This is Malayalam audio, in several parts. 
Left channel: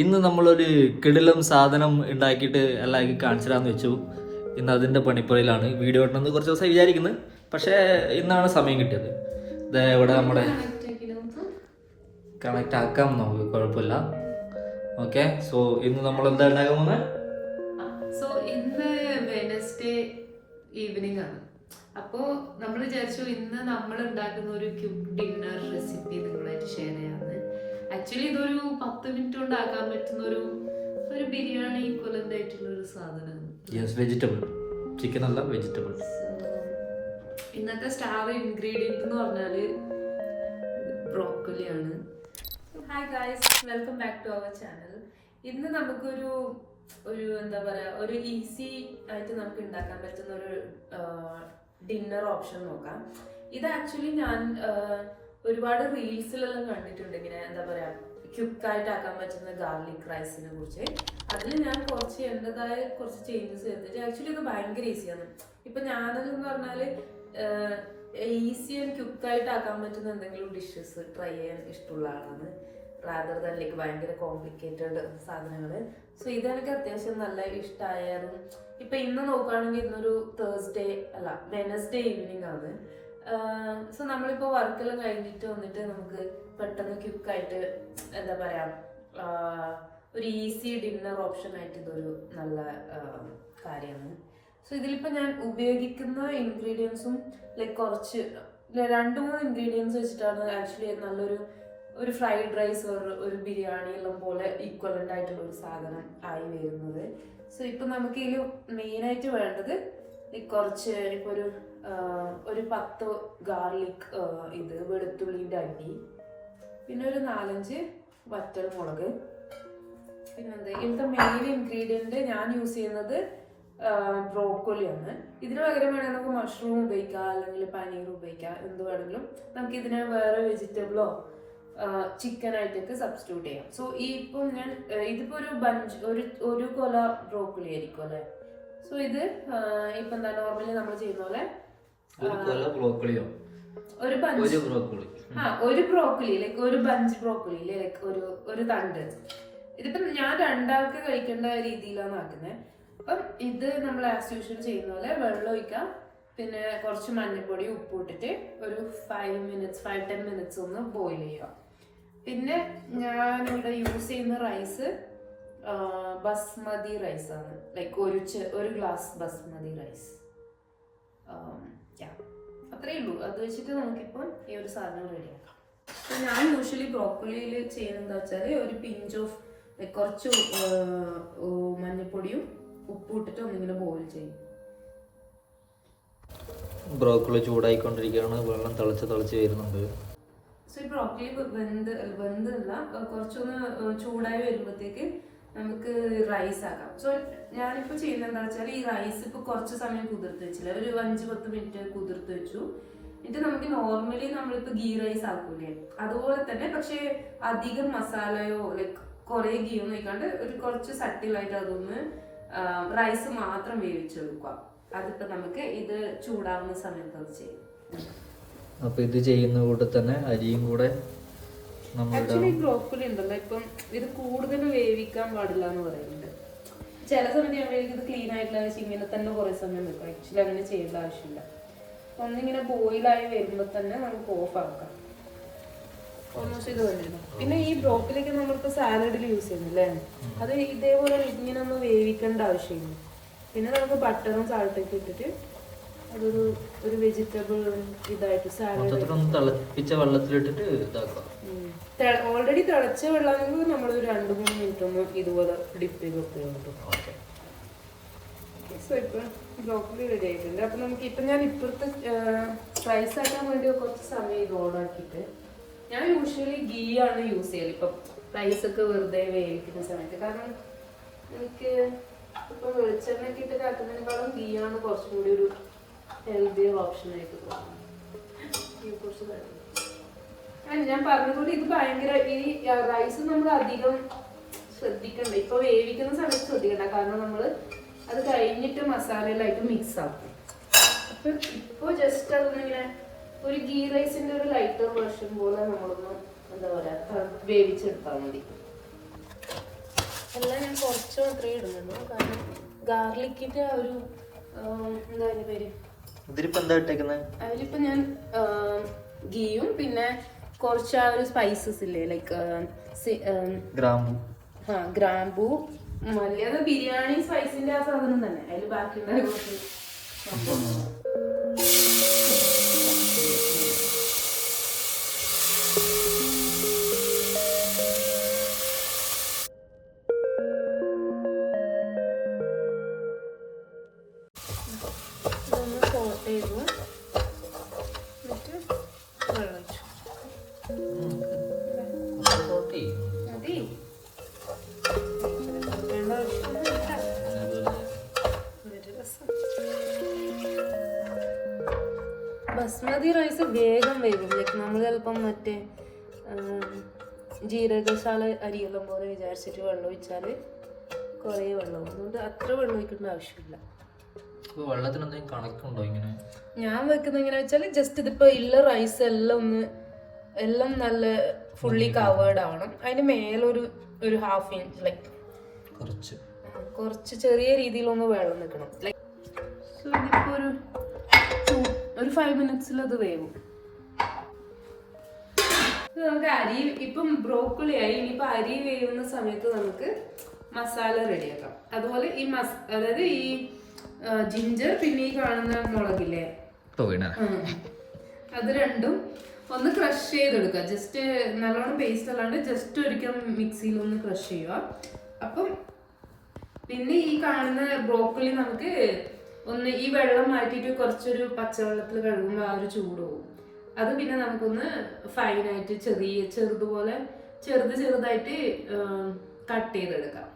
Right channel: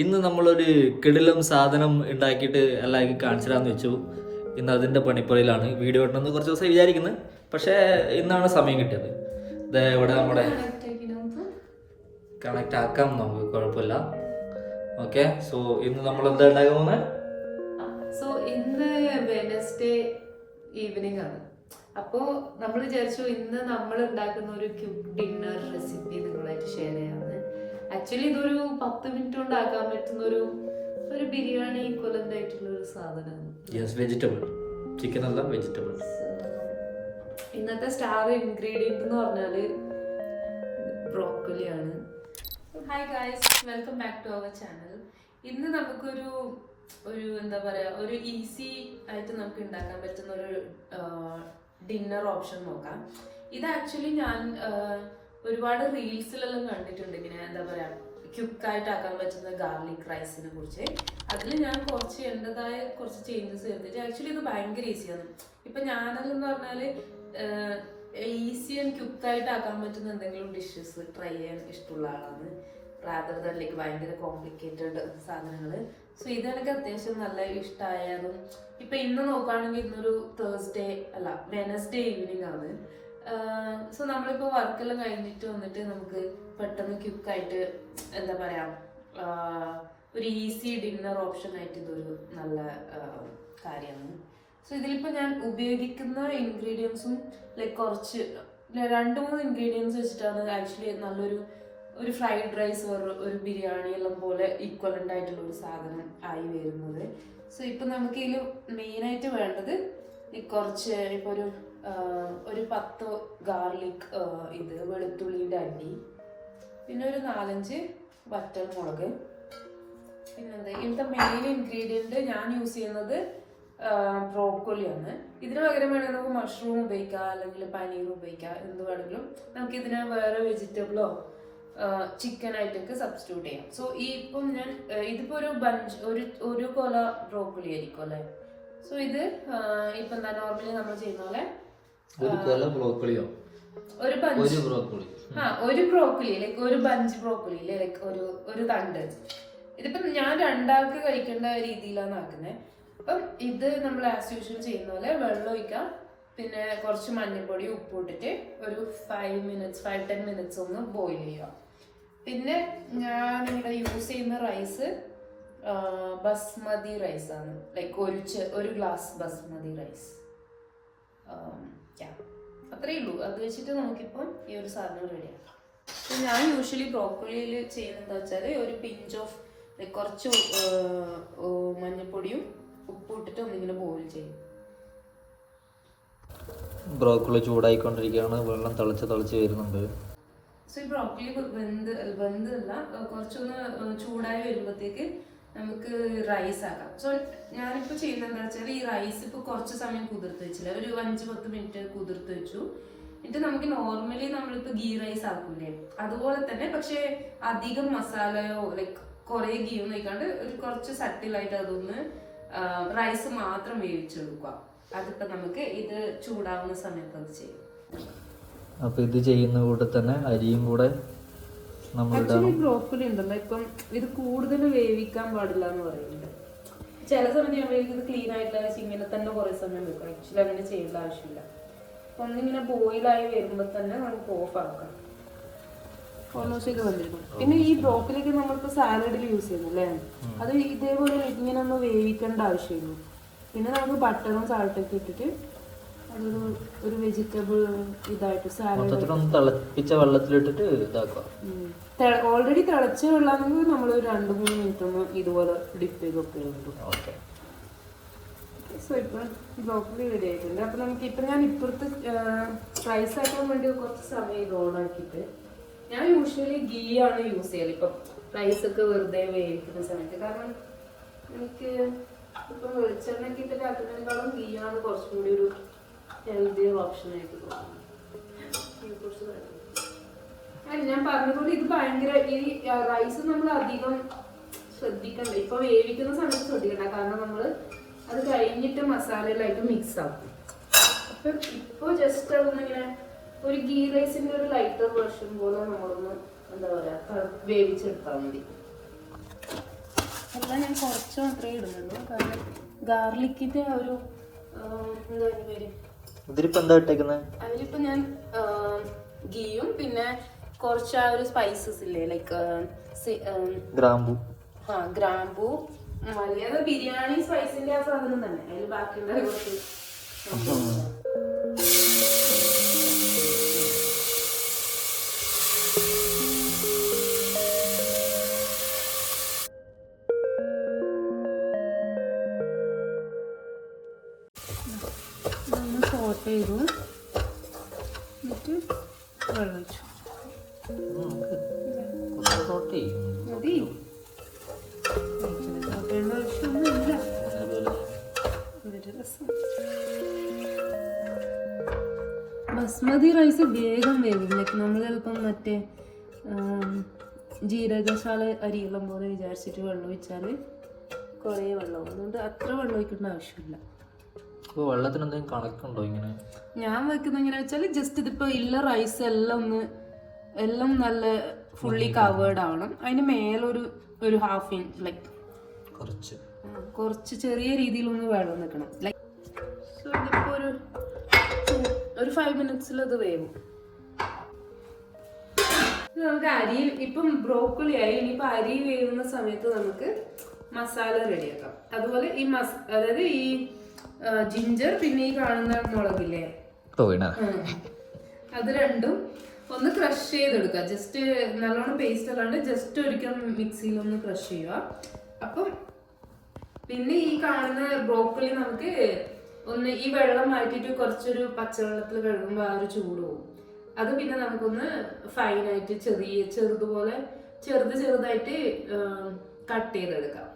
ഇന്ന് നമ്മളൊരു കിടിലം സാധനം ഉണ്ടാക്കിയിട്ട് എല്ലാവർക്കും കാണിച്ചിടാന്ന് വെച്ചു. ഇന്ന് അതിൻ്റെ പണിപ്പുറയിലാണ്. വീഡിയോ ഇടണമെന്ന് കുറച്ച് ദിവസം വിചാരിക്കുന്നത്, പക്ഷേ ഇന്നാണ് സമയം കിട്ടിയത്. ഇതേ ഇവിടെ നമ്മുടെ കണക്റ്റ് ആക്കാം, നമുക്ക് കുഴപ്പമില്ല. ഓക്കെ, സോ ഇന്ന് നമ്മൾ എന്താ ഉണ്ടാക്കുന്നത്? സോ ഇന്ന് വെനസ്ഡേ ഈവനിങ് ആണ്. അപ്പോൾ നമ്മൾ വിചാരിച്ചു ഇന്ന് നമ്മൾ ഉണ്ടാക്കുന്ന ഒരു ക്യൂക്ക് ഡിന്നർ റെസിപ്പി നിങ്ങളായിട്ട് ഷെയർ ചെയ്യാമെന്ന്. ആക്ച്വലി ഇതൊരു 10 മിനിറ്റ് കൊണ്ട് ആക്കാൻ പറ്റുന്ന ഒരു ബിരിയാണി ഈക്വലന്റ് ആയിട്ടുള്ള ഒരു സാധനമാണ്. യെസ്, വെജിറ്റബിൾ ചിക്കൻ അല്ല, വെജിറ്റബിൾ. ഇന്നത്തെ സ്റ്റാർ ഇൻഗ്രീഡിയൻറ്റ് എന്ന് പറഞ്ഞാൽ ബ്രോക്കോളിയാണ്. Hi guys, welcome back to our channel. ഇന്ന് നമുക്കൊരു എന്താ പറയുക, ഒരു ഈസി ആയിട്ട് നമുക്ക് ഉണ്ടാക്കാൻ പറ്റുന്ന ഒരു ഡിന്നർ ഓപ്ഷൻ നോക്കാം. ഇത് ആക്ച്വലി ഞാൻ ഒരുപാട് റീൽസിലെല്ലാം കണ്ടിട്ടുണ്ട്, ഇങ്ങനെ എന്താ പറയുക ക്യുക്കായിട്ട് ആക്കാൻ പറ്റുന്ന ഗാർലിക് റൈസിനെ കുറിച്ച്. അതിൽ ഞാൻ കുറച്ച് എൻ്റെതായ കുറച്ച് ചേഞ്ചസ് വരുത്തിയിട്ട് ആക്ച്വലി ഇത് ഭയങ്കര ഈസിയാണ്. ഇപ്പം ഞാനതെന്ന് പറഞ്ഞാൽ ഈസി ആൻഡ് ക്യുക്കായിട്ട് ആക്കാൻ പറ്റുന്ന എന്തെങ്കിലും ഡിഷസ് ട്രൈ ചെയ്യാൻ ഇഷ്ടമുള്ള ആളാണ്, റാദർ ദാൻ ലൈക്ക് ഭയങ്കര കോംപ്ലിക്കേറ്റഡ് സാധനങ്ങൾ. സോ ഇതെനിക്ക് അത്യാവശ്യം നല്ല ഇഷ്ടമായതും. ഇപ്പം ഇന്ന് നോക്കുകയാണെങ്കിൽ ഇന്നൊരു വെനസ്ഡേ ഈവനിങ് ആണ്. സോ നമ്മളിപ്പോൾ വർക്കെല്ലാം കഴിഞ്ഞിട്ട് വന്നിട്ട് നമുക്ക് പെട്ടെന്ന് ക്യുക്കായിട്ട് എന്താ പറയുക ഒരു ഈസി ഡിന്നർ ഓപ്ഷൻ ആയിട്ട് ഇതൊരു നല്ല കാര്യമാണ്. സോ ഇതിലിപ്പോൾ ഞാൻ ഉപയോഗിക്കുന്ന ഇൻഗ്രീഡിയൻസും ലൈക്ക് കുറച്ച് 2-3 ഇൻഗ്രീഡിയൻസ് വെച്ചിട്ടാണ് ആക്ച്വലി ഒരു ഫ്രൈഡ് റൈസ് ഒരു ബിരിയാണി എല്ലാം പോലെ ഈക്വലൻ്റ് ആയിട്ടുള്ള ഒരു സാധനം ആയി വരുന്നത്. സോ ഇപ്പം നമുക്ക് ഇതിൽ മെയിനായിട്ട് വേണ്ടത് കുറച്ച് ഇപ്പോൾ ഒരു 10 ഗാർലിക് ഇത് വെളുത്തുള്ളിൻ്റെ അണ്ടി, പിന്നെ ഒരു 4-5 വറ്റൽ മുളക്, പിന്നെന്താ ഇന്നത്തെ മെയിൻ ഇൻഗ്രീഡിയൻറ്റ് ഞാൻ യൂസ് ചെയ്യുന്നത് ബ്രോക്കോളിയാണ്. ഇതിന് പകരം വേണമെങ്കിൽ നമുക്ക് മഷ്റൂം ഉപയോഗിക്കാം, അല്ലെങ്കിൽ പനീർ ഉപയോഗിക്കാം, എന്ത് വേണമെങ്കിലും നമുക്ക് ഇതിനെ വേറെ വെജിറ്റബിളോ ചിക്കനായിട്ടൊക്കെ സബ്സ്റ്റിറ്റ്യൂട്ട് ചെയ്യാം. സോ ഇപ്പം ഞാൻ ഇതിപ്പോൾ ഒരു കൊല ബ്രോക്കോളി ആയിരിക്കും അല്ലേ. സോ ഇത് ഇപ്പം എന്താ നോർമലി നമ്മൾ ചെയ്യുന്ന പോലെ ഒരു ബ്രോക്കോളി ലൈക്ക് ഒരു ബഞ്ച് ബ്രോക്കോളി ലൈക്ക് ഒരു തണ്ട്. ഇതിപ്പം ഞാൻ 2 ആൾക്ക് കഴിക്കേണ്ട രീതിയിലാണ് ആക്കുന്നത്. അപ്പം ഇത് നമ്മൾ ആസ് യൂഷ്വൽ ചെയ്യുന്ന പോലെ വെള്ളം ഒഴിക്കാം, പിന്നെ കുറച്ച് മഞ്ഞൾപ്പൊടി ഉപ്പ് ഇട്ടിട്ട് ഒരു 5-10 മിനിറ്റ്സ് ഒന്ന് ബോയിൽ ചെയ്യുക. പിന്നെ ഞാനിവിടെ യൂസ് ചെയ്യുന്ന റൈസ് ബസ്മതി റൈസാണ്, ലൈക്ക് ഒരു ഗ്ലാസ് ബസ്മതി റൈസ്. അത്രയേ ഉള്ളൂ. അത് വെച്ചിട്ട് നമുക്കിപ്പം ഈ ഒരു സാധനം റെഡിയാക്കാം. അപ്പം ഞാൻ യൂഷ്വലി ബ്രോക്കോളിയിൽ ചെയ്യുന്നത് എന്താ വെച്ചാൽ ഒരു പിഞ്ച് ഓഫ് കുറച്ച് മഞ്ഞൾപ്പൊടിയും ഉപ്പ് ഇട്ടിട്ട് ഒന്നിങ്ങനെ ബോയിൽ ചെയ്യും. ബ്രോക്കോളി ചൂടായിക്കൊണ്ടിരിക്കുകയാണ്, വെള്ളം തിളച്ച് വരുന്നുണ്ട്. സോ ഈ ബ്രോക്കോളി വെന്തല്ല, കുറച്ചൊന്ന് ചൂടായി വരുമ്പോഴത്തേക്ക് നമുക്ക് റൈസ് ആക്കാം. സോ ഞാനിപ്പോൾ ചെയ്യുന്നത് എന്താ വെച്ചാൽ ഈ റൈസ് ഇപ്പോൾ കുറച്ച് സമയം കുതിർത്ത് വെച്ചില്ല, ഒരു 5-10 മിനിറ്റ് കുതിർത്ത് വെച്ചു. എന്നിട്ട് നമുക്ക് നോർമലി നമ്മളിപ്പോൾ ഗീ റൈസ് ആക്കൂലേ അതുപോലെ തന്നെ, പക്ഷേ അധികം മസാലയോ ലൈക്ക് കുറേ ഗീ ഒന്നും കഴിക്കാണ്ട് ഒരു കുറച്ച് സട്ടിലായിട്ട് അതൊന്ന് റൈസ് മാത്രം വേവിച്ചെടുക്കുക. അതിപ്പോൾ നമുക്ക് ഇത് ചൂടാവുന്ന സമയത്ത് അത് ചെയ്യും. അപ്പോൾ ഇത് ചെയ്യുന്ന കൂടെ തന്നെ അരിയും കൂടെ ആക്ച്വലി ബ്രോക്കോലി ഉണ്ടല്ലോ, ഇപ്പം ഇത് കൂടുതൽ വേവിക്കാൻ പാടില്ല എന്ന് പറയുന്നുണ്ട്. ചില സമയത്ത് ഞാൻ ഇത് ക്ലീൻ ആയിട്ടില്ല ഇങ്ങനെ തന്നെ കുറേ സമയം വെക്കും. ആക്ച്വലി അങ്ങനെ ചെയ്യേണ്ട ആവശ്യമില്ല. ഒന്നിങ്ങനെ ബോയിലായി വരുമ്പോൾ തന്നെ നമുക്ക് ഓഫ് ആക്കാം. ഇത് വന്നിരുന്നു. പിന്നെ ഈ ബ്രോക്കോലിക്ക് നമ്മളിപ്പോൾ സാലഡിൽ യൂസ് ചെയ്യുന്നല്ലേ, അത് ഇതേപോലെ ഇങ്ങനെ ഒന്ന് വേവിക്കേണ്ട ആവശ്യമില്ല. പിന്നെ നമുക്ക് ബട്ടറും സാൾട്ടൊക്കെ ഇട്ടിട്ട് ഒരു വെജിറ്റബിൾ ഇതായിട്ട് സാലഡ് തിളപ്പിച്ച വെള്ളത്തിലിട്ടിട്ട് ഇതാക്കുക. ഓൾറെഡി തിളച്ച വെള്ളമാണെങ്കിൽ നമ്മൾ ഒരു 2-3 മിനിറ്റ് ഒന്ന് ഇതുപോലെ ഡിപ്പ് ചെയ്ത് വെക്കുന്നുണ്ട്. സോ ഇപ്പം ബ്രോക്കോളി റെഡി ആയിട്ടുണ്ട്. അപ്പം നമുക്ക് ഇപ്പം ഞാൻ ഇപ്പുറത്ത് റൈസ് ആക്കാൻ വേണ്ടി കുറച്ച് സമയം ഇത് ഓണാക്കിയിട്ട് ഞാൻ യൂഷ്വലി ഗീ ആണ് യൂസ് ചെയ്യല് ഇപ്പം റൈസൊക്കെ വെറുതെ വേവിക്കുന്ന സമയത്ത്. കാരണം എനിക്ക് ഇപ്പം വെളിച്ചെണ്ണയൊക്കെ ഇട്ടിട്ട് ആക്കുന്നതിനേക്കാളും ഗീ ആണ് കുറച്ചും കൂടി ഒരു ഹെൽത്തിയർ ഓപ്ഷൻ ആയിട്ട് തോന്നുന്നു. ഞാൻ പറഞ്ഞതുപോലെ ഇത് ഭയങ്കര ഈ റൈസ് നമ്മൾ അധികം ശ്രദ്ധിക്കണ്ട, ഇപ്പൊ വേവിക്കുന്ന സമയത്ത് ശ്രദ്ധിക്കണ്ട, കാരണം നമ്മൾ അത് കഴിഞ്ഞിട്ട് മസാലയിലായിട്ട് മിക്സ് ആക്കും. അപ്പൊ ഇപ്പൊ ജസ്റ്റ് അതൊന്നിങ്ങനെ ഒരു ഗീ റൈസിന്റെ ഒരു ലൈറ്റർ വേർഷൻ പോലെ നമ്മളൊന്ന് എന്താ പറയാ വേവിച്ചെടുത്താൽ മതി. കുറച്ച് മാത്രമേ ഇടുന്നുള്ളൂ. കാരണം ഗാർലിക്കിന്റെ ആ ഒരു എന്താ അതിന്റെ പേര്, ഇതിലിപ്പോ എന്താ ഇട്ടേക്കുന്നത്? അതിലിപ്പോ ഞാൻ ഗീയും പിന്നെ കുറച്ച് ആ ഒരു സ്പൈസസ് ഇല്ലേ, ലൈക്ക് ഗ്രാമ്പു. ഗ്രാമ്പൂ, മല്ലി, അത് ബിരിയാണി സ്പൈസിന്റെ ആ സാധനം തന്നെ അതിൽ ബാക്കി ഉണ്ടാകുന്നത്. ബസ്മതി റൈസ് വേഗം വേഗം, ലൈക്ക് നമ്മൾ ചിലപ്പം മറ്റേ ജീരകശാല അരിയെല്ലാം പോലെ വിചാരിച്ചിട്ട് വെള്ളം ഒഴിച്ചാൽ കുറേ വെള്ളം, അതുകൊണ്ട് അത്ര വെള്ളം ഒഴിക്കേണ്ട ആവശ്യമില്ല. വെള്ളത്തിന് എന്തെങ്കിലും കണക്കുണ്ടോ? ഇങ്ങനെ ഞാൻ വെക്കുന്നത് എങ്ങനെ വെച്ചാൽ ജസ്റ്റ് ഇതിപ്പോ ഇല്ല റൈസ് എല്ലാം നല്ല ഫുള്ളി കവേർഡ് ആവണം. അതിന് മേലൊരു ഒരു ഹാഫ് ഇഞ്ച് ലൈക്ക് കുറച്ച് ചെറിയ രീതിയിലൊന്ന് വെള്ളം നിൽക്കണം. ലൈക്ക് ഇതിപ്പോ ഒരു 5 minutes അത് വേവും. നമുക്ക് അരി ഇപ്പം ബ്രോക്കോളി ആയി, ഇനിയിപ്പോ അരി വേവുന്ന സമയത്ത് നമുക്ക് മസാല റെഡിയാക്കാം. അതുപോലെ ഈ അതായത് ഈ ജിഞ്ചർ പിന്നെ ഈ കാണുന്ന മുളകില്ലേ, അത് രണ്ടും ഒന്ന് ക്രഷ് ചെയ്തെടുക്കുക. ജസ്റ്റ് നല്ലോണം പേസ്റ്റ് അല്ലാണ്ട് ജസ്റ്റ് ഒരിക്കൽ മിക്സിയിൽ ഒന്ന് ക്രഷ് ചെയ്യുക. അപ്പം പിന്നെ ഈ കാണുന്ന ബ്രോക്കോളി നമുക്ക് ഒന്ന് ഈ വെള്ളം മാറ്റിയിട്ട് കുറച്ചൊരു പച്ചവെള്ളത്തിൽ കഴുകുമ്പോൾ ആ ഒരു ചൂട് പോകും. അത് പിന്നെ നമുക്കൊന്ന് ഫൈനായിട്ട് ചെറുതായിട്ട് കട്ട് ചെയ്തെടുക്കാം.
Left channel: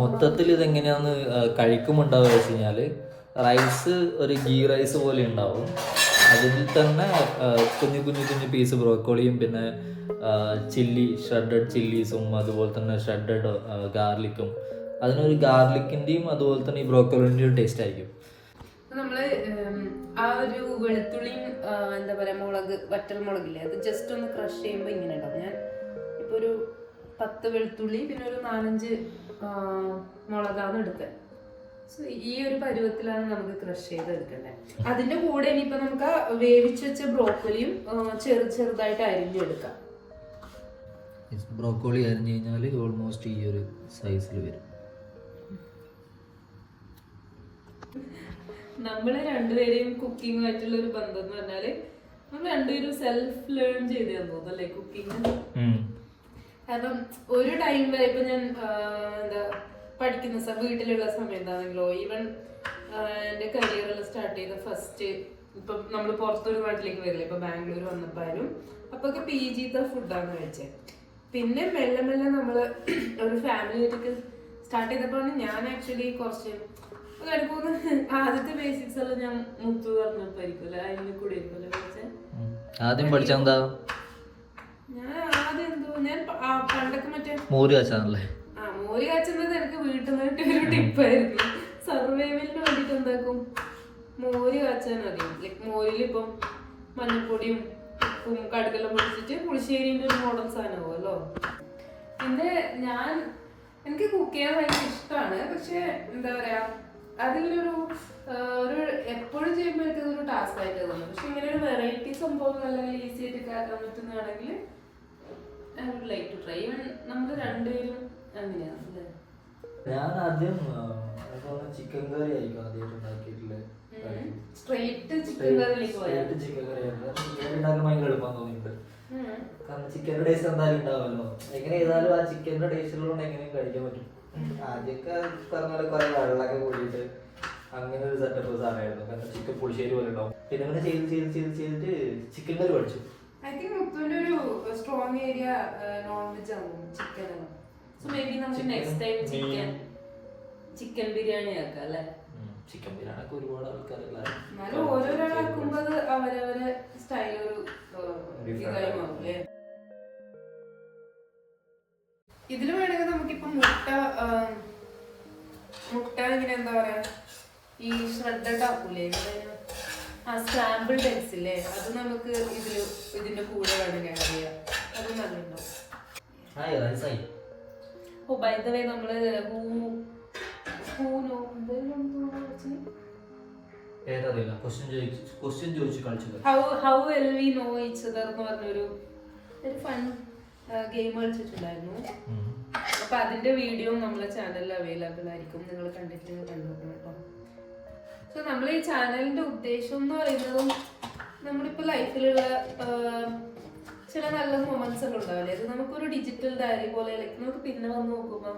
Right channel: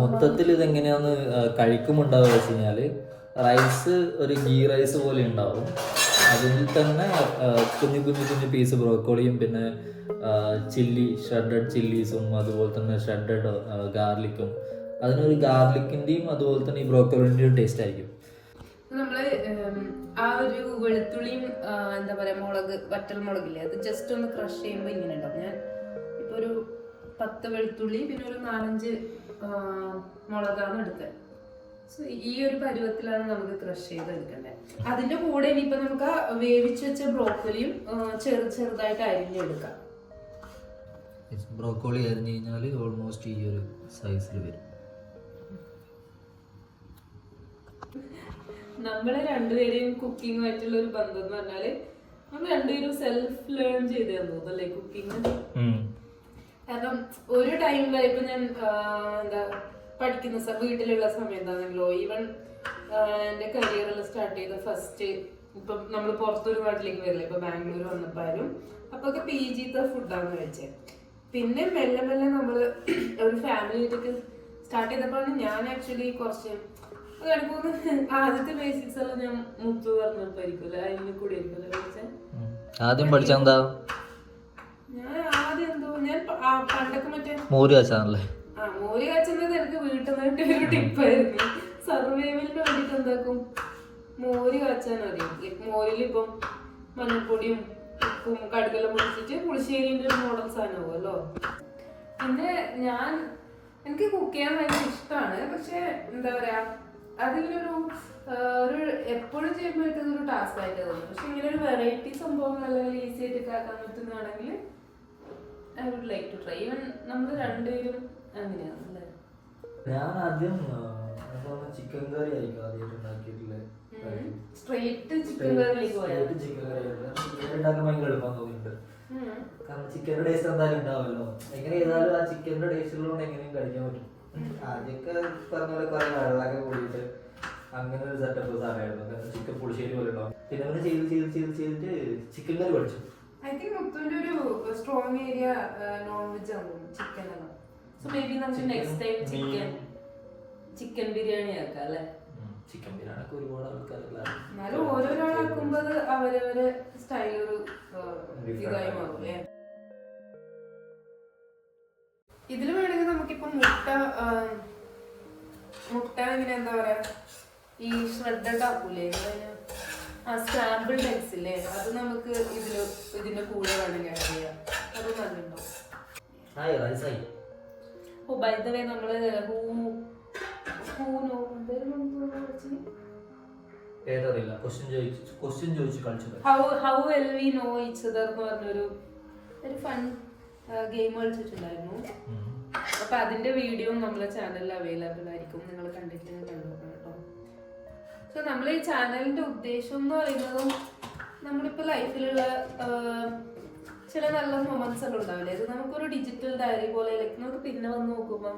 മൊത്തത്തിൽ ഇതെങ്ങനെയാന്ന് കഴിക്കുമുണ്ടാവുക വെച്ച് കഴിഞ്ഞാൽ റൈസ് ഒരു ഗീ റൈസ് പോലെ ഉണ്ടാവും. അതിൽ തന്നെ കുഞ്ഞു കുഞ്ഞു കുഞ്ഞു പീസ് ബ്രോക്കോളിയും പിന്നെ ഷ്രെഡഡ് ചില്ലീസും അതുപോലെ തന്നെ ഷ്രെഡഡ് ഗാർലിക്കും, അതിനൊരു ഗാർലിക്കിൻ്റെയും അതുപോലെ തന്നെ ഈ ബ്രോക്കോളിൻ്റെയും ടേസ്റ്റ് ആയിരിക്കും. നമ്മള് ആ ഒരു വെളുത്തുള്ളിയും എന്താ പറയാ വറ്റൽ മുളകില്ലേ, അത് ജസ്റ്റ് ഒന്ന് ക്രഷ് ചെയ്യുമ്പോൾ ഇങ്ങനെ ഉണ്ടാവും. ഞാൻ ഇപ്പൊ ഒരു 10 വെളുത്തുള്ളി പിന്നെ ഒരു 4-5 മുളകാണ് എടുത്തത്. സോ ഈ ഒരു പരുവത്തിലാണ് നമുക്ക് ക്രഷ് ചെയ്ത് എടുക്കേണ്ടത്. അതിന്റെ കൂടെ ഇനിയിപ്പോ നമുക്ക് വേവിച്ച് വെച്ച ബ്രോക്കോളിയും ചെറുതായിട്ട് അരിഞ്ഞെടുക്കാം. ബ്രോക്കോളി അരിഞ്ഞു കഴിഞ്ഞാൽ ഓൾമോസ്റ്റ് ഈ ഒരു സൈസിൽ വരും. നമ്മളെ രണ്ടുപേരെയും കുക്കിങ്ങുമായിട്ടുള്ള ഒരു ബന്ധം എന്ന് പറഞ്ഞാല് നമ്മൾ രണ്ടുപേരും സെൽഫ് ലേൺ ചെയ്ത് തോന്നുന്നല്ലേ കുക്കിങ്. കാരണം ഒരു ടൈം വരെ ഇപ്പൊ ഞാൻ എന്താ പഠിക്കുന്ന വീട്ടിലുള്ള സമയത്താണെങ്കിലോ ഈവൻ എന്റെ കരിയറിൽ സ്റ്റാർട്ട് ചെയ്ത ഫസ്റ്റ് ഇപ്പം നമ്മൾ പുറത്തൊരു നാട്ടിലേക്ക് വരില്ല, ഇപ്പൊ ബാംഗ്ലൂർ വന്നപ്പോഴും അപ്പൊക്കെ PG ഫുഡാണ് കഴിച്ചത്. പിന്നെ മെല്ലെ മെല്ലെ നമ്മള് ഒരു ഫാമിലി ആയിട്ടൊക്കെ സ്റ്റാർട്ട് ചെയ്തപ്പോഴാണ് ഞാൻ ആക്ച്വലി കുറച്ച് ആദ്യത്തെ ബേസിക്സ് എല്ലാം ഞാൻ മുത്തു പറഞ്ഞപ്പോയിരിക്കും അതിന് കൂടെ ആയിരിക്കും ആദ്യം പഠിച്ചെന്താ. ഞാൻ ആദ്യം ഞാൻ പണ്ടൊക്കെ മറ്റേ മോര് കാച്ചാണല്ലേ. മോര് കാച്ചുന്നത് എനിക്ക് വീട്ടിൽ നിന്നിട്ട് ഒരു ടിപ്പായിരുന്നു. സർവൈവലിന് വേണ്ടിട്ട് എന്താക്കും, മോര് കാച്ചാൻ അറിയാം. ലൈക് മോരിൽ ഇപ്പം മഞ്ഞൾപ്പൊടിയും ഉപ്പും കടുകെല്ലാം പൊടിച്ചിട്ട് പുളിശ്ശേരിന്റെ ഒരു മോഡൽ സാധനമാവുമല്ലോ. പിന്നെ എനിക്ക് കുക്ക് ചെയ്യാൻ ഭയങ്കര ഇഷ്ടമാണ്. പക്ഷെ എന്താ പറയാ അതിലൊരു എപ്പോഴും ചെയ്യുമ്പോഴേക്കും അതൊരു ടാസ്ക് ആയിട്ട് തോന്നും. പക്ഷെ ഇങ്ങനെ ഒരു വെറൈറ്റി സംഭവം നല്ല ഈസി ആയിട്ട് ആക്കാൻ പറ്റുന്നതാണെങ്കിൽ I would like to try. Even നമ്മൾ രണ്ടുപേരും അങ്ങനെയാണ് അല്ലേ. ഞാൻ ആദ്യം ചിക്കൻ കറി ആയിരിക്കും ആദ്യമായിട്ട് ഉണ്ടാക്കിയിട്ടുള്ളത്. സ്ട്രേറ്റ് ചിക്കൻ കറിയിലേക്ക് പോയാൽ ചിക്കൻ കറി ഉണ്ടാക്കാൻ ഭയങ്കര എളുപ്പം തോന്നിയിട്ടുണ്ട്. കാരണം ചിക്കൻ്റെ ടേസ്റ്റ് എന്തായാലും ഉണ്ടാവുമല്ലോ. എങ്ങനെ ചെയ്താലും ആ ചിക്കൻ്റെ ടേസ്റ്റിലൂടെ എങ്ങനെയും കഴിക്കാൻ പറ്റും. ആദ്യമൊക്കെ പറഞ്ഞ പോലെ കുറെ വെള്ളമൊക്കെ കൂടിയിട്ട് അങ്ങനെ ഒരു സെറ്റപ്പ് സാധനമായിരുന്നു. കാരണം ചിക്കൻ പുളിശ്ശേരി പോലെ ഉണ്ടാവും. പിന്നെ ചെയ്തിട്ട് ചിക്കൻ കറി പഠിച്ചു. ഐ തിങ്ക് മുത്തുവിന്റെ ഒരു സ്ട്രോങ് ഏരിയ നോൺ വെജ് ആണ്, ചിക്കൻ ആണ്. സോ മേ ബി നമുക്ക് നെക്സ്റ്റ് ടൈം ചിക്കൻ ബിരിയാണി ആക്കാം അല്ലേ. ചിക്കൻ ബിരിയാണി ഒക്കെ ഒരുപാട് ആൾക്കാരുള്ള എന്നാലും ഓരോരാളാക്കുമ്പോ അത് അവരവരെ സ്റ്റൈൽ ഒരു ഇതായി മാറും അല്ലേ. ഇതില് വേണമെങ്കിൽ നമുക്കിപ്പം മുട്ട ഇങ്ങനെ എന്താ പറയാ ഈ ഷ്രെഡഡ് ആക്കൂലേ, സ്ക്രാമ്പിൾഡ് എഗ്സ് ഇല്ലേ, അത് നമുക്ക് ഇതിന്റെ കൂടെ വേണമെങ്കിൽ ആഡ് ചെയ്യാം. അത് നല്ലുണ്ടാവും. ഓ ബൈ ദ വേ നമ്മള് പേരറിയില്ല, ക്വസ്റ്റ്യൻ ചോദിച്ചു കളിച്ചു. How well we know each other എന്ന് പറഞ്ഞൊരു ഫൺ ഗെയിം കളിച്ചിട്ടുണ്ടായിരുന്നു. അപ്പൊ അതിന്റെ വീഡിയോ നമ്മളെ ചാനലിൽ അവൈലബിൾ ആയിരിക്കും, നിങ്ങൾ കണ്ടിട്ടില്ലെങ്കിൽ കണ്ടുനോക്കണം കേട്ടോ. സോ നമ്മൾ ഈ ചാനലിന്റെ ഉദ്ദേശം എന്ന് പറയുന്നതും നമ്മളിപ്പോ ലൈഫിലുള്ള ചില നല്ല മൊമെന്റ്സ് എല്ലാം ഉണ്ടാവില്ലേ, അത് നമുക്കൊരു ഡിജിറ്റൽ ഡയറി പോലെ നമുക്ക് പിന്നെ വന്ന് നോക്കുമ്പോൾ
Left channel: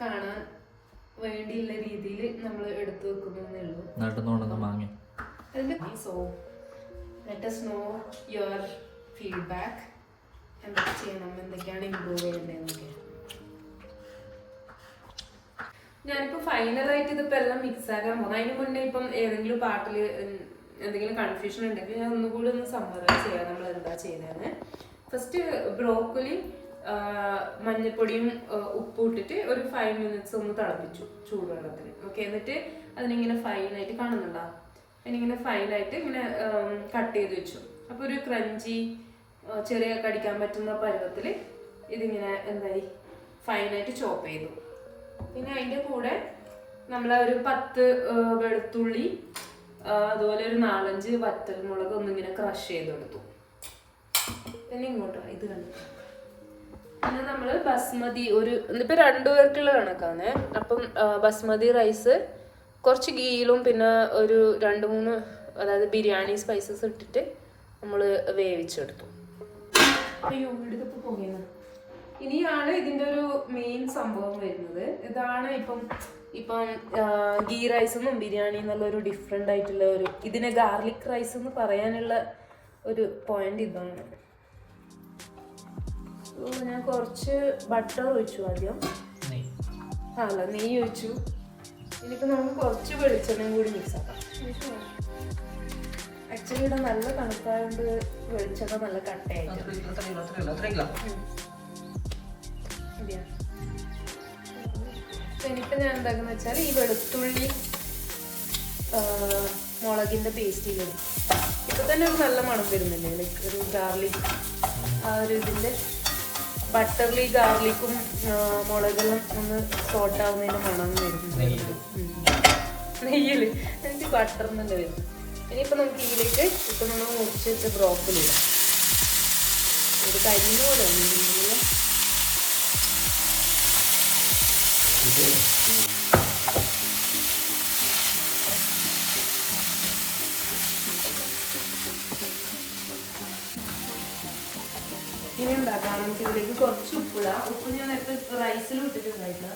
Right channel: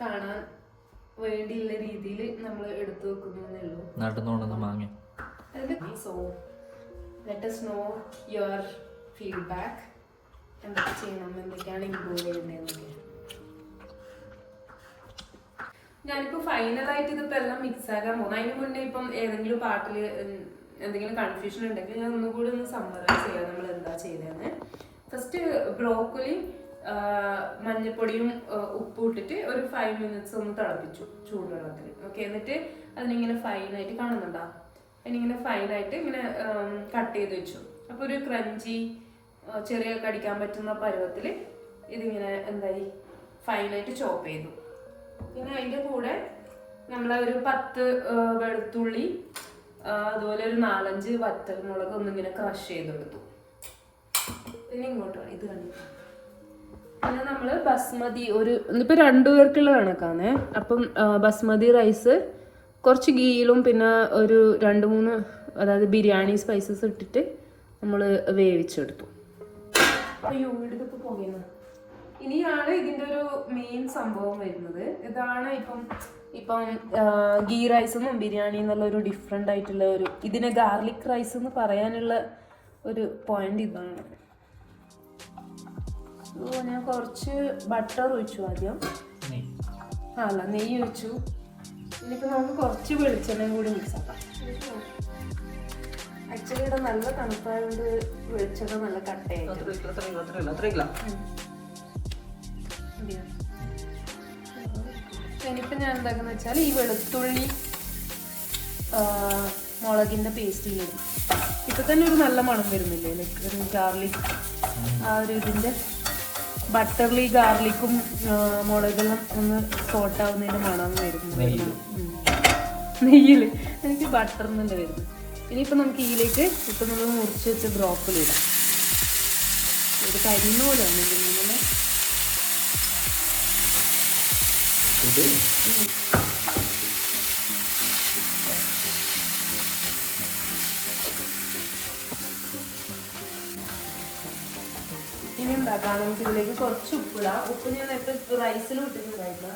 കാണാൻ വേണ്ടിയുള്ള രീതിയിൽ നമ്മൾ എടുത്തു വെക്കുന്നേ ഉള്ളൂ. So let us know your feedback, എന്തൊക്കെ ചെയ്യണം, എന്തൊക്കെയാണ് ഇമ്പ്രൂവ് ചെയ്യേണ്ടതെന്നൊക്കെ. ഞാനിപ്പോ ഫൈനലായിട്ട് ഇതിപ്പോ എല്ലാം മിക്സ് ആക്കാൻ പോകുന്നു. അതിന് മുന്നേ ഇപ്പം ഏതെങ്കിലും പാട്ടില് എന്തെങ്കിലും കൺഫ്യൂഷൻ ഉണ്ടെങ്കിൽ ഞാൻ ഒന്നുകൂടി ഒന്ന് സമ്മറൈസ് ചെയ്യാം നമ്മൾ എന്താ ചെയ്യുന്നതെന്ന്. ഫസ്റ്റ് ബ്രോക്കലി മഞ്ഞപ്പൊടിയും ഉപ്പും ഇട്ടിട്ട് ഒരു 5 minutes ഒന്ന് തിളപ്പിച്ചു ചൂടുവെള്ളത്തിൽ. ഓക്കെ, എന്നിട്ട് അതിനിങ്ങനെ ഫൈനായിട്ട് കാണുന്നുണ്ടോ, അതിനിങ്ങനെ ഫൈനായിട്ട് ഇങ്ങനെ കട്ട് ചെയ്ത് വെച്ചു. അപ്പോൾ ഒരു ക്രഞ്ചി ചെറിയ കടിക്കാൻ പറ്റുന്ന പരുവത്തിൽ ഇതിങ്ങനെ എന്തായി ഫൈനായിട്ട് ചോപ്പ് ചെയ്തു. പിന്നെ അതിൻ്റെ കൂടെ നമ്മൾ ഒരു 10 വെളുത്തുള്ളി, അതുപോലെ ഒരു 4-5 വറ്റൽമുളക് ഒന്നിങ്ങനെ ക്രഷ് ചെയ്തെടുത്തു. പിന്നെ ഇങ്ങോട്ടോ ഇത് കണ്ടു. പിന്നെ നമ്മൾ ബസ്മതി ഇപ്പം 2 പേർക്കുള്ള കണക്കാണ്. അപ്പം ബസ്മതി റൈസ് കുറച്ച് ഗീയിലും പിന്നെ ഒരു 2-3 അതായത് ബിരിയാണി സ്പൈസസ് ഇട്ടിട്ട് നമ്മൾ വേവിച്ചെടുത്തു. അയ്യോ ഇവിടുത്തെ പോകുന്ന ഇനിയാണ് ഇതിൻ്റെ ഒരു മെയിൻ സംഭവം വരുന്നത്. ഇതാണ് ഇപ്പം ഗീ റൈസെന്നും ബിരിയാണി എന്നുള്ള ഒരു ഡിഫറെൻ്റ് ആയിട്ടുള്ള ഇതിനെ ഗാർലിക് റൈസ് എന്ന് പറയാനുള്ള ഒരു പോയിന്റ് ഇതാണ്. ഞാൻ കുറച്ച് ബട്ടർ ഒഴിച്ചു ആദ്യം, അല്ല നെയ്യ് ഒഴിച്ചു. ഇനിയിപ്പോൾ നമുക്ക് കുറച്ച് വെളിച്ചെണ്ണയും കൂടി മിക്സ് ആക്കാം. ആക്ച്വലി ഇത് നല്ല തണുപ്പായതുകൊണ്ട് വെളിച്ചെണ്ണ നല്ല കട്ടയായിട്ട്. ഇനിയിപ്പോൾ ഞാൻ എന്താക്കുന്ന വെച്ചാൽ ഈ വെളുത്തുള്ളി മുളകിൻ്റെ പേസ്റ്റ് ചെയ്യും. ഇപ്പം തന്നെ ഒരു നല്ല മണം വരുന്നില്ലേ, ഗാർലിക് ആ ഒരു ഇതിൻ്റെ ബട്ടർലി ഗാർലിക്കും മുളകും ഒന്ന് സോട്ട് ആവുന്നതിന് മണം വരുന്നു. നെയ്യിൽ എനിക്ക് ബട്ടറിൻ്റെ വരുന്നു. ഇനിയിപ്പോൾ നമുക്ക് ഇതിലേക്ക് ഇപ്പം നമ്മൾ മുറിച്ച് വെച്ച ബ്രോക്കലി ഒരു കരിഞ്ഞു ഇനി ഉണ്ടാക്കാം. നമുക്ക് ഇതിലേക്ക് കുറച്ച് ഉപ്പിടാം. ഉപ്പ് ഞാൻ നേരത്തെ റൈസിൽ ഇട്ടിട്ടുണ്ടായിട്ടില്ല,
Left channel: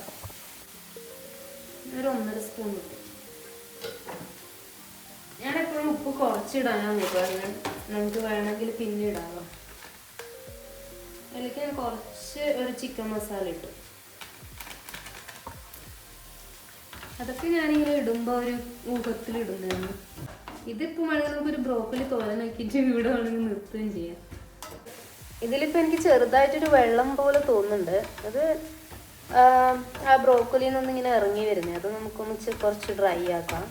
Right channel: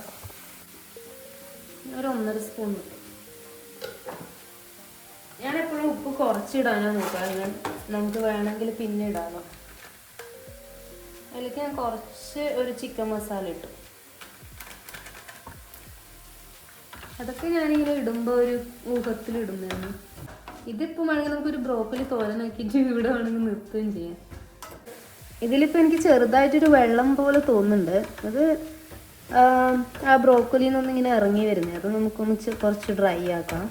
ഒരു 1.5 സ്പൂൺ ഇട്ടു. ഞാൻ എപ്പോഴും ഉപ്പ് കുറച്ചിടാനാണ് നോക്കാം, നമുക്ക് വേണമെങ്കിൽ പിന്നെ ഇടാമോ. അതിലേക്ക് ഞാൻ കുറച്ച് ഒരു ചിക്കൻ മസാല ഇട്ടു. അതൊക്കെ ഞാനിങ്ങനെ ഇടുമ്പോൾ ഒരു ഊഹത്തിലിടുന്നതാണ്. ഇതിപ്പോൾ വേണമെങ്കിൽ നമുക്കൊരു ബ്രോക്കലി തോരനാക്കിയിട്ട് ഇവിടെ വേണമെങ്കിൽ നിർത്തുകയും ചെയ്യാം. ഇതിലിപ്പോൾ എനിക്ക് ചെറുതായിട്ടൊരു വെള്ളം പോലെ തോന്നുന്നുണ്ട്. ഇത് ആ ബ്രോക്കലിയിൽ നിന്ന് ഇങ്ങനെ ഇറങ്ങി വരുന്നത്. അപ്പം നമുക്കൊന്ന് കുറച്ച് ഡ്രൈ ആക്കാം.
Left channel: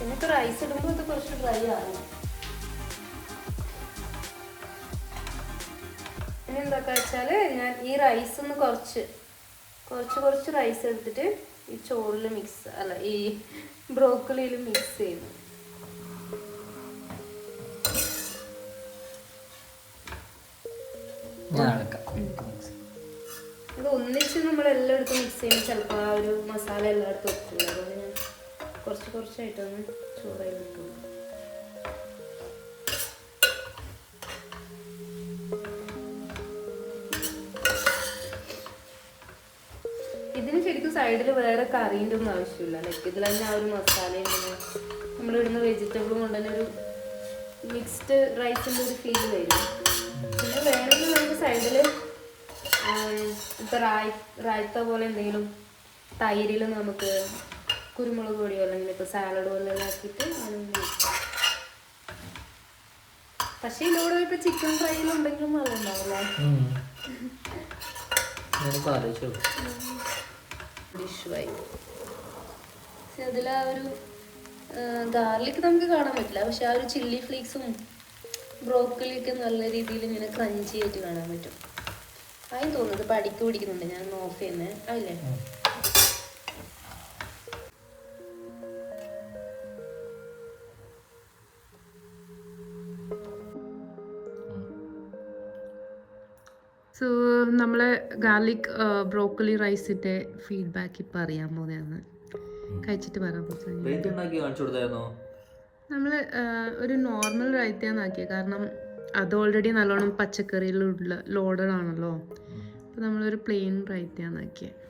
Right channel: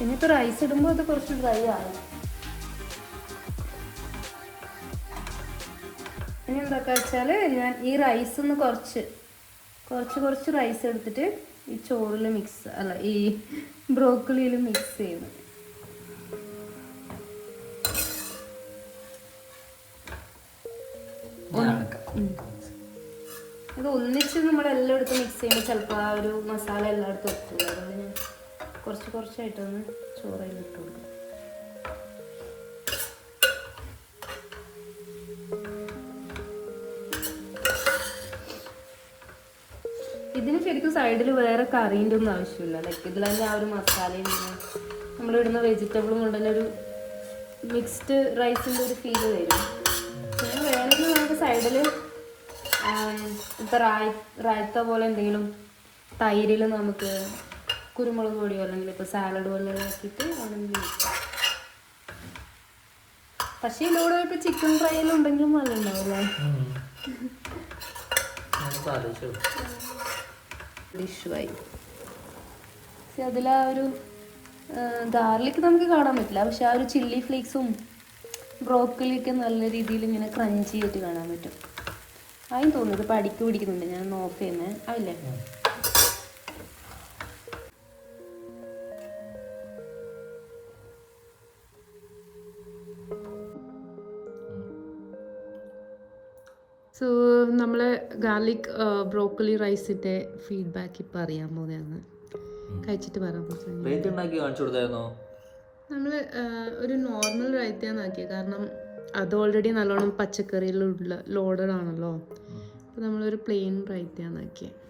ഇനിയിപ്പോൾ റൈസ് ഇടുമ്പോൾ അത് കുറച്ച് ഡ്രൈ ആകും. ഇനി എന്താക്കുക വെച്ചാൽ ഞാൻ ഈ റൈസ് ഒന്ന് കുറച്ച് റൈസ് എടുത്തിട്ട് ഈ ചോറിൽ ഈ ബ്രോക്കലിയിൽ മിക്സ് ചെയ്തു. ഇത് ഒന്നിച്ച് നമ്മളെല്ലായിടത്തും മിക്സ് ചെയ്യുമ്പോൾ ചിലപ്പോൾ ആ ഒരു മസാല എല്ലായിടത്തും ഒത്തുള്ളൂ. അതുകൊണ്ട് ഞാൻ കുറച്ചായിട്ടൊന്ന് ചോറായി കിട്ടുള്ളൂ. ഇതിന് ശരിക്കും സൈഡിൽ വേറെ കറീൻ്റെ ഒന്നും ആവശ്യമില്ല. ലൈക്ക് ഇതിലെല്ലാം ആ ഒരു മസാലയുണ്ടെങ്കിൽ നമ്മളിടുന്ന വെജിറ്റബിളും കൊണ്ട് തന്നെ ഒരു മിക്സ്ഡ് റൈസിൻ്റെ ഒരു ഫീല് വരും. പിന്നെ വേണമെങ്കിൽ നമുക്ക് സൈഡിൽ ഇപ്പം റായത്ത പോലെ എന്തെങ്കിലും തൈരിൽ നമുക്ക് കുരുമുളക് പൊടിയോ അല്ലെങ്കിൽ ഇപ്പോൾ സാലഡ് പോലെ ആക്കിയിട്ട് പക്ഷേ ഇതിലൂടെ ഇപ്പോൾ ചിക്കൻ ഫ്രൈയിൽ ഉണ്ടെങ്കിലും നല്ലതുണ്ടാവും. ഡിഷായി പക്ഷെ അതിൽ ആ ഒരു ഗാർലിക് നമുക്ക് കാണാൻ പറ്റില്ല, പക്ഷെ ആ ഒരു ചില്ലി ഫ്ലേക്സും ബ്രോക്കലിയൊക്കെ നല്ല രീതിയിൽ ഇങ്ങനെ ക്രഞ്ചി ആയിട്ട് കാണാൻ പറ്റും. അതിന് തോന്നുന്നത് ഇപ്പം അടിക്ക് പിടിക്കുന്നുണ്ട്, ഞാൻ നോക്കി തന്നെ അല്ലേ. സോ നമ്മളെ ഗാർലിക് ബ്രോക്കലി റൈസിൻ്റെ ഫീഡ്ബാക്ക് ഇപ്പം അറിയാൻ പോകുന്നതാണ്. കഴിച്ചിട്ട് പറയാൻ പോകുന്നത് നമ്മൾ ഒരു നോർമൽ റൈത്തയാന്നാക്കിയത്. കാരണം അത് ഓൾറെഡി നല്ലോണം പച്ചക്കറിയിലുള്ള ലോഡഡ് ആണല്ലോ. അപ്പോൾ നമ്മളൊരു പ്ലെയിൻ റൈത്തയാന്നാക്കിയത്.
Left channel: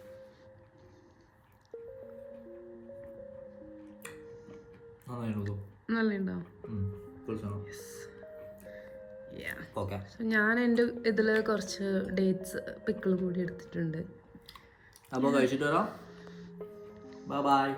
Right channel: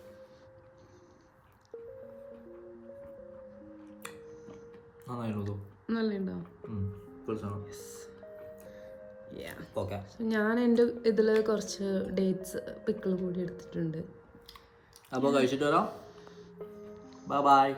നല്ലുണ്ടോ? ഞാൻ എൻ്റെ ഇതിൽ കുറച്ച് ഡേറ്റ്സ് പിക്കിൾ കൂടി എടുത്തിട്ടുണ്ട്. അപ്പോൾ കഴിച്ചിട്ട് വരാം. ബൈ.